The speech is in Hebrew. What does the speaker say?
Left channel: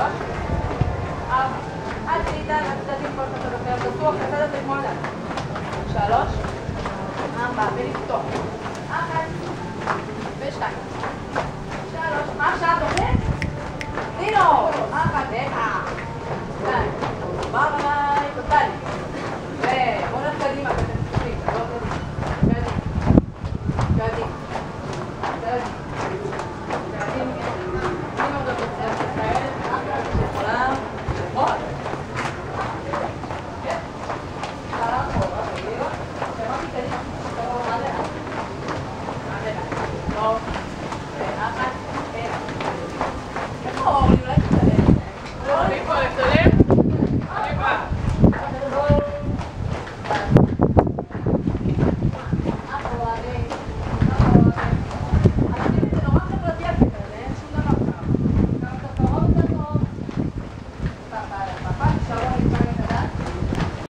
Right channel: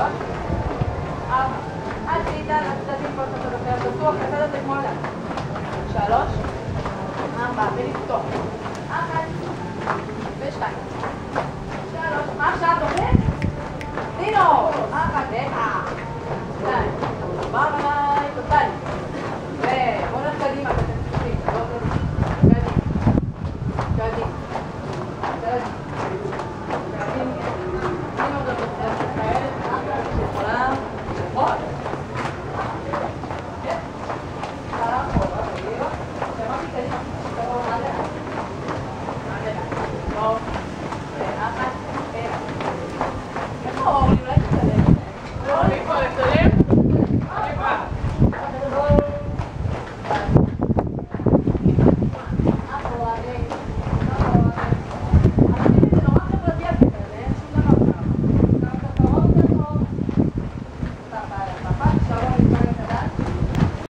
3, 4, הצידה, לצדדים כל אחד אחר, בטוח, לצד הזה כמו עליו. 3, 4, ולפתוח. 1, ו2. 3, מה עכשיו דומה? דינו! 1, ו1. 2, דבר עליי, טוטלי. ובוא נלך קדימה, אתם תפתחים, לא קדימה. קדימה. קדימה. שלום